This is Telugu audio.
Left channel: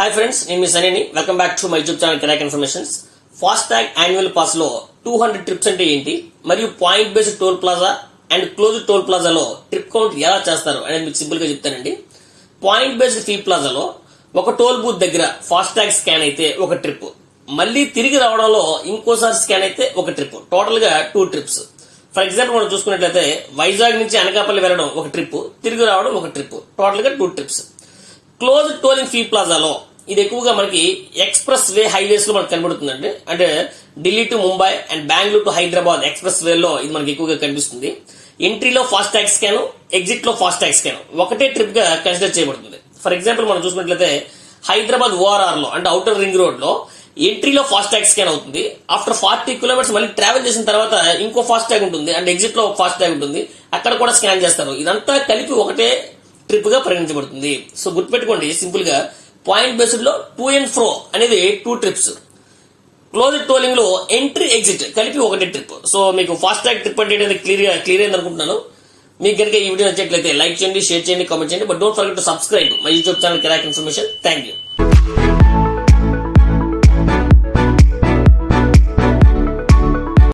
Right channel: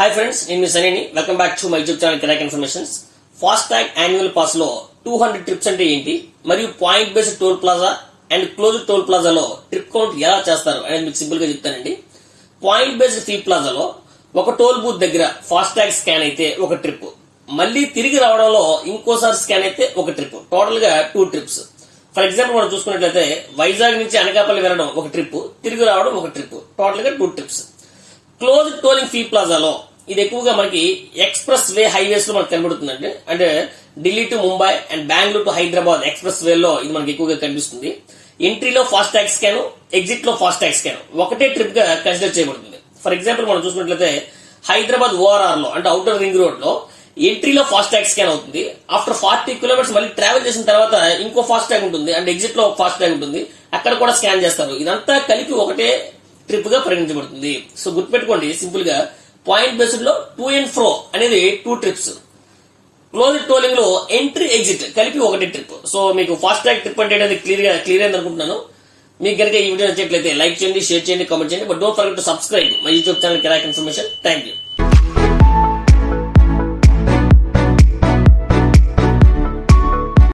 హాయ్ ఫ్రెండ్స్, నేను మీ సనీని. Welcome back to my YouTube channel కిరాక్ informations. Fast tag annual pass లో 200 ట్రిప్స్ అంటే ఏంటి, మరియు point based toll plaza and close toll ప్లాజాలో ట్రిప్ కౌంట్ ఎలా చేస్తారు అనేది మీకు సింపుల్ గా చెప్తానండి. పాయింట్ బేస్డ్ ఫీ ప్లాజాలో ఒక టోల్ బూత్ దగ్గర ఫాస్ట్ ట్యాగ్ స్కాన్ అయితే ఒక ట్రిప్, మళ్ళీ తిరిగి రావడంలో ఇంకోసారి స్కాన్ అయితే ఒక ట్రిప్, టోటల్ గా 2 ట్రిప్స్. ఫర్ ఎగ్జాంపుల్ మనం చూసుకున్నట్లయితే వైజాగ్ నుంచి అనకాపల్లి వెళ్ళడం ఒక ట్రిప్, తిరిగి రావడం ఒక ట్రిప్, టోటల్ గా 2 ట్రిప్స్. క్లోజ్ టోలింగ్ ఫీ ప్లాజాలో ఇది ఎక్కువగా మనకి ఎక్స్ప్రెస్ వే హైవేస్ లో మనకు కనబడుతుందండి. అంటే Delhi to Mumbai and Bengaluru to Hyderabad express way లో ఇది మనకి ఎక్కువగా కనిపిస్తుంది. ఎంట్రీలో ఫాస్ట్ ట్యాగ్ స్కాన్, ఎగ్జిట్ లో ఫాస్ట్ ట్యాగ్ స్కాన్ ఒకటే ట్రిప్ గా కన్సిడర్ చేయబడుతుంది. ఫర్ ఎగ్జాంపుల్ మనం చూసుకున్నట్లయితే హైదరాబాద్ ఓఆర్ఆర్ లో అంటే అవుటర్ రింగ్ రోడ్ లో ఎంట్రీలో ఫాస్ట్ ట్యాగ్ స్కాన్ అవుతుంది. ఆఫ్టర్ 40 కిలోమీటర్స్ మళ్ళీ ట్రావెల్ చేసిన తర్వాత ఇంకో ఫాస్ట్ ట్యాగ్ ఉంటుంది అండ్ ఎగ్జిట్ లో ఫాస్ట్ ట్యాగ్ ఉంటుంది, అక్కడ కూడా స్కాన్ చేస్తారు. ఇదంతా కలిపి ఒకటే ట్రిప్ గా పరిగణించబడుతుంది. సో గుర్తుపెట్టుకోండి, సింపుల్ గా పాయింట్ బేస్డ్ లో 2 and fro అనేది 2 ట్రిప్స్, క్లోజ్ టోలింగ్ లో ఎంట్రీ ఎగ్జిట్ కలిపి ఒకటే ట్రిప్. సో మీకు ఫాస్ట్ ట్యాగ్ ట్రిప్ అంటే క్లియర్ అయింది అనుకుంటున్నాను. మీకు కనుక ఈ వీడియో నచ్చినట్లయితే లైక్ చేయండి, షేర్ చేయండి, కామెంట్ చేయండి. But don't forget to subscribe my YouTube channel కిరాక్ ఇన్ఫర్మేషన్. Thank you.